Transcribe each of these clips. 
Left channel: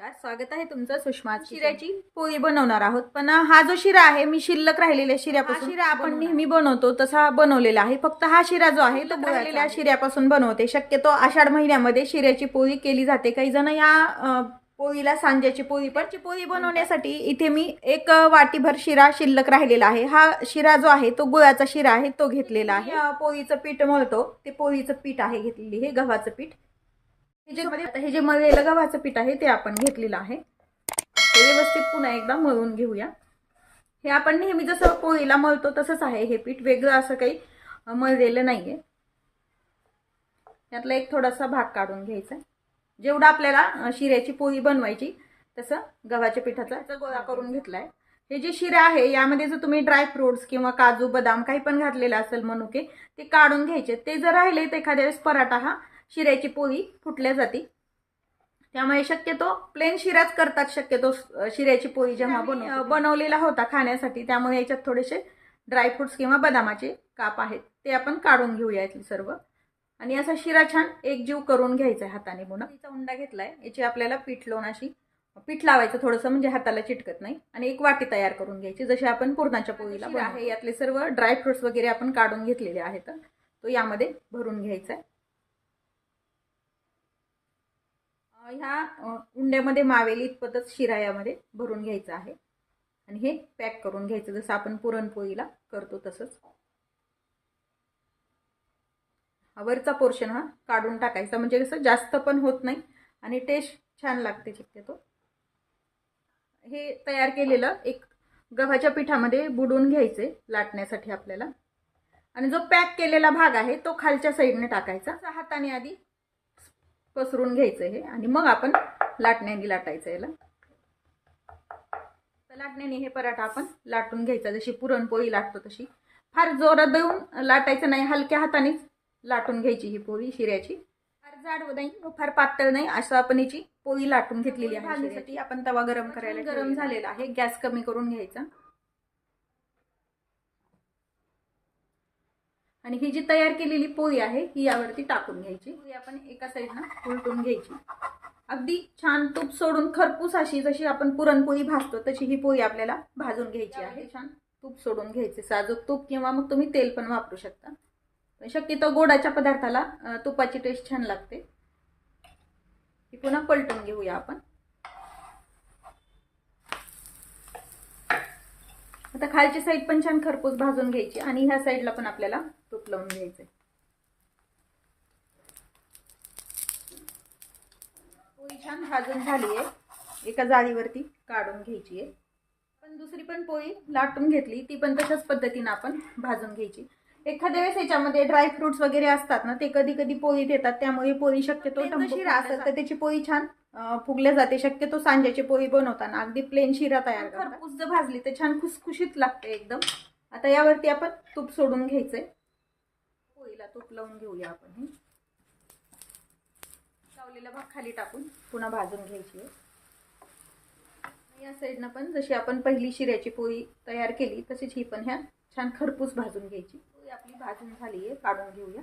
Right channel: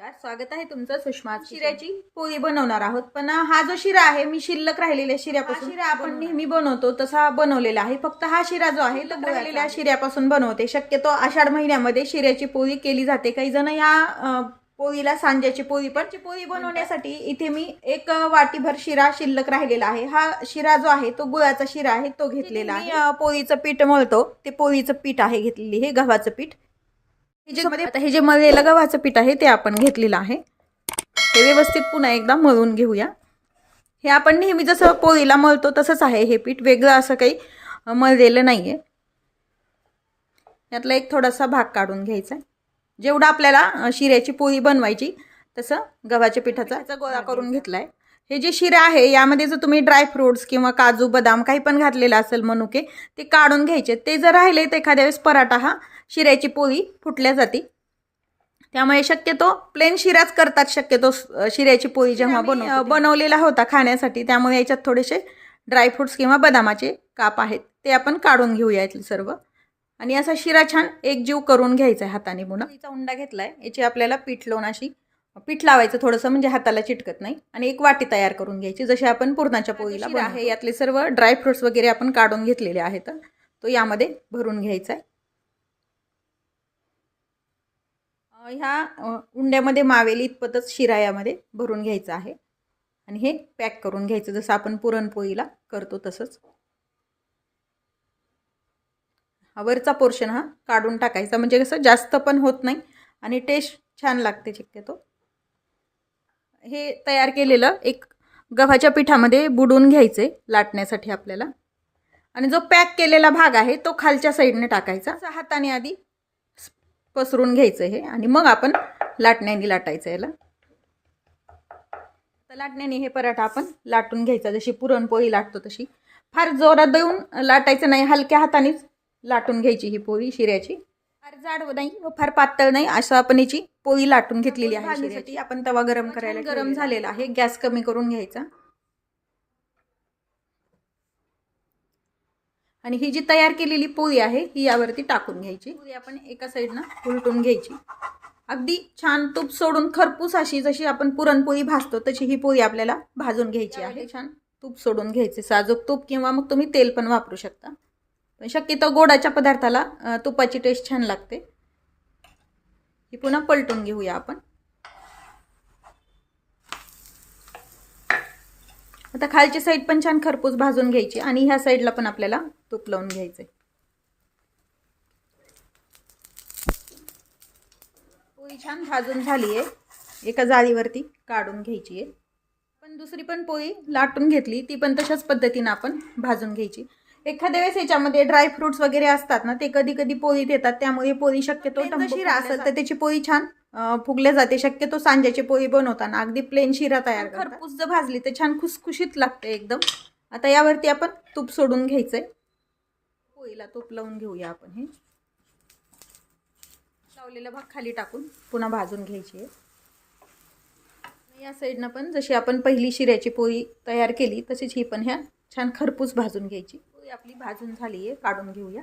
नमस्कार स्वागत आहे तुमचं सुषमा शिऱ्याची पोळी बनवणार आहोत. पण हा जो शिरा आहे मी शिल्लक राहिलेल्या शिऱ्यापासून शिरा आपण नेहमी बनवतो तसा बनवलेला आहे. फक्त हा शिरा जो आहे तो राहिलेल्या शिऱ्यापासून बनवते. शक्यतो आषाढ महिन्यामध्ये शिऱ्याची पोळी केली जाते. काही जण या पोळीला सांज्याची पोळी पण पोळी बनवण्यासाठी इथे मी एक वाटीभर शिरा शिल्लक राहिलेला आहे. हा शिरा जो आहे तो गुळाचा शिरा आहे तो घेतलेला आहे. पोळीचं पीठ मळतो. ते पोळीचं पीठ आहे घेतलेली हे गव्हाचं पीठ. हे जे मध्ये आता हे जे मळलेलं गव्हाचं पीठ आहे ते आपण घेतलेलं आहे. हे व्यवस्थित पुन्हा एकदा मळून घेऊया. हे आपण नेहमी जसं पोळीला मळतो तसंच आहे हे पीठ. वेगळं असं काही मळलेलं नाही आहे यातला एक थोडासा भाग काढून घ्यायचा आहे. जेवढं आपल्याला शिऱ्याची पोळी बनवायची तसं गव्हाच्या पिठाचा याचा गोळा करून घेतला आहे हे जे शिरा आहे यामध्ये जर तुम्ही ड्रायफ्रुट्स किंवा काजू बदाम काही पण घातलेलं असेल मनुके ते काढून घ्यायचे. ते जर राहिले तर एखाद्या वेळेस पराठा हा शिऱ्याची पोळी फुटल्या जाते. त्यामुळे शक्यतो प्लेन शिराच करतात शक्यतो शिऱ्याची पोळी जेव्हा बनव बनवलेला होता खाण्यासाठी त्यामुळे याच्यात थोडेसे ड्रायफ्रुट्स किंवा बदामाचे काप आहेत ते आपण काढून घेऊया यातले सर्व. आणि असा शिरा छान एकजीव करून घ्यायचा आहे हाताने पुन्हा तिचा उंडा घेतला आहे याची आपल्याला पीठ लावून अशी पीठ लावायचं थोडंसं म्हणजे हाताला चिटकत नाही. आणि एक वाटी तयार करून घ्यायची जशी आपण पूर्णाच्या पोळीला आहे यातले सर्व ड्रायफ्रुट्स वगैरे आपण काढून घेतलेले आहेत. तो यामध्ये भरून घ्यायचा आहे. ह्या उंड्यामध्ये मावेल इतपतच शिरायामध्ये भरून घ्यायचं आहे. आणि हे पॅक करून घ्यायचं जसं आपण पुरणपोळीला करतो तसंच. वरचा पोर्शन हा काढून टाकायचा म्हणजे कसं जास्त पण होत नाही आणि टेस्ट छान लागते शक्यतो. हे तयार केलेलं एक गव्हाच्या पिठामध्ये बुडून घ्यायचे लाटण्यासाठी आपल्याला. आणि जो पॅक केलेला भाग आहे तो खालच्या साईडने टाकायचा. हाताने आधी पसरून घ्यायचं हे आणि मग आपण लाटण्याने लाटायचं याला. तर लाटण्याने हे पराठा आपण लाटून घ्यायचा. जशी पुरणपोळी लाटतो तशी. फार जोरात देऊन लाटायचं नाही. हलक्या हातानेच लाटून घ्यायची ही पोळी शिऱ्याची. फार जाड नाही व फार पातळ नाही असं आपण याची पोळी लाटून घेतलेली आहे आपण तवा गरम करायला गरम झालेला आहे. गॅस कमी करून घ्यायचा. आणि ही जी तयार केलेली पोळी आहे ही यावरती टाकून घ्यायची. पोळी आपण एका साईडनं उलटून घ्यायची. अगदी छान तूप सोडून खरपूस अशी जशी आपण पुरणपोळी भाजतो तशी ही पोळी आपल्याला भाजून घ्यायची आहे. छान तूप सोडून घ्यायचे. साजूक तूप किंवा मग तुम्ही तेल पण वापरू शकता. पण शक्यतो गोडाच्या पदार्थाला तुपाची टेस्ट छान लागते. ही पुन्हा पलटून घेऊया आपण. आता खालची साईड पण छान खरपूस भाजून घ्यायची आणि ह्या साईडला पण आपल्याला तूप लावून घ्यायचंय. पोळी छान भाजून झाली आहे एका जाळीवरती काढून घ्यायची आहे पण दुसरी पण पोळी लाटून घेतली ती पण तशाच पद्धतीनं आपण भाजून घ्यायची. एखाद्या वेळेस याच्यामध्ये ड्रायफ्रुट्स वगैरे असतात ना ते कधी कधी पोळीत येतात त्यामुळे पोळी शक्यतो शिरा असेल तर त्याची पोळी छान फुगल्या जाते. शक्यतो सांज्याची पोळी बनवताना. अगदी प्लेन शिरा तयार खरपूस जर भाजली तर छान खुसखुशीत लागते एकदम. आता यावरती आपण तूप सोडून घ्यायचं आहे पोळीला तूप लावून घेऊया आपण हे. लावलेला भाग खाली टाकून पुन्हा भाजून घ्यायची आहे. या साईडनं पण जशी आपण पहिली शिऱ्याची पोळी तयार केली तशीच ही पण ह्या छान खरपूस भाजून घ्यायची. पोळी आपली भाजून झाली आहे. काढून घेऊया.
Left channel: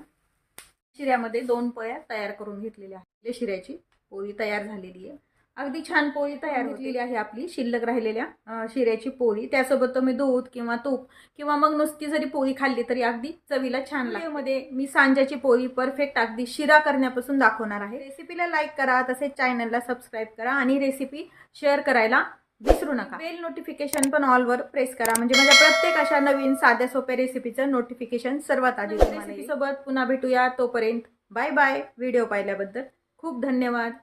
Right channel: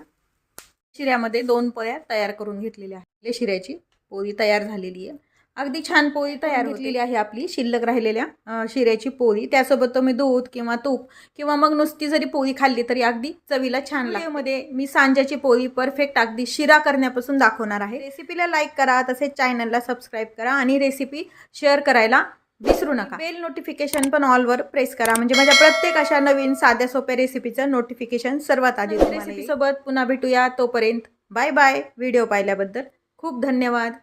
शिऱ्यामध्ये दोन पोळ्या तयार करून घेतलेल्या आहेत. शिऱ्याची. पोळी तयार झालेली आहे. अगदी छान पोळी तयार घेतलेली आहे आपली शिल्लक राहिलेल्या शिऱ्याची पोळी. त्यासोबत तुम्ही दूध किंवा तूप किंवा मग नुसती जरी पोळी खाल्ली तरी अगदी चवीला छान लागते. मी सांज्याची पोळी परफेक्ट अगदी शिरा करण्यापासून दाखवणार आहे. रेसिपीला लाईक करा तसेच चॅनलला सबस्क्राईब करा आणि रेसिपी शेअर करायला विसरू नका. बेल नोटिफिकेशन पण ऑलवर प्रेस करा. म्हणजे माझ्या प्रत्येक अशा नवीन साध्या सोप्या रेसिपीचं नोटिफिकेशन सर्वात आधी रेसिपी सोबत पुन्हा भेटूया. तोपर्यंत बाय बाय व्हिडिओ पाहिल्याबद्दल खूप धन्यवाद.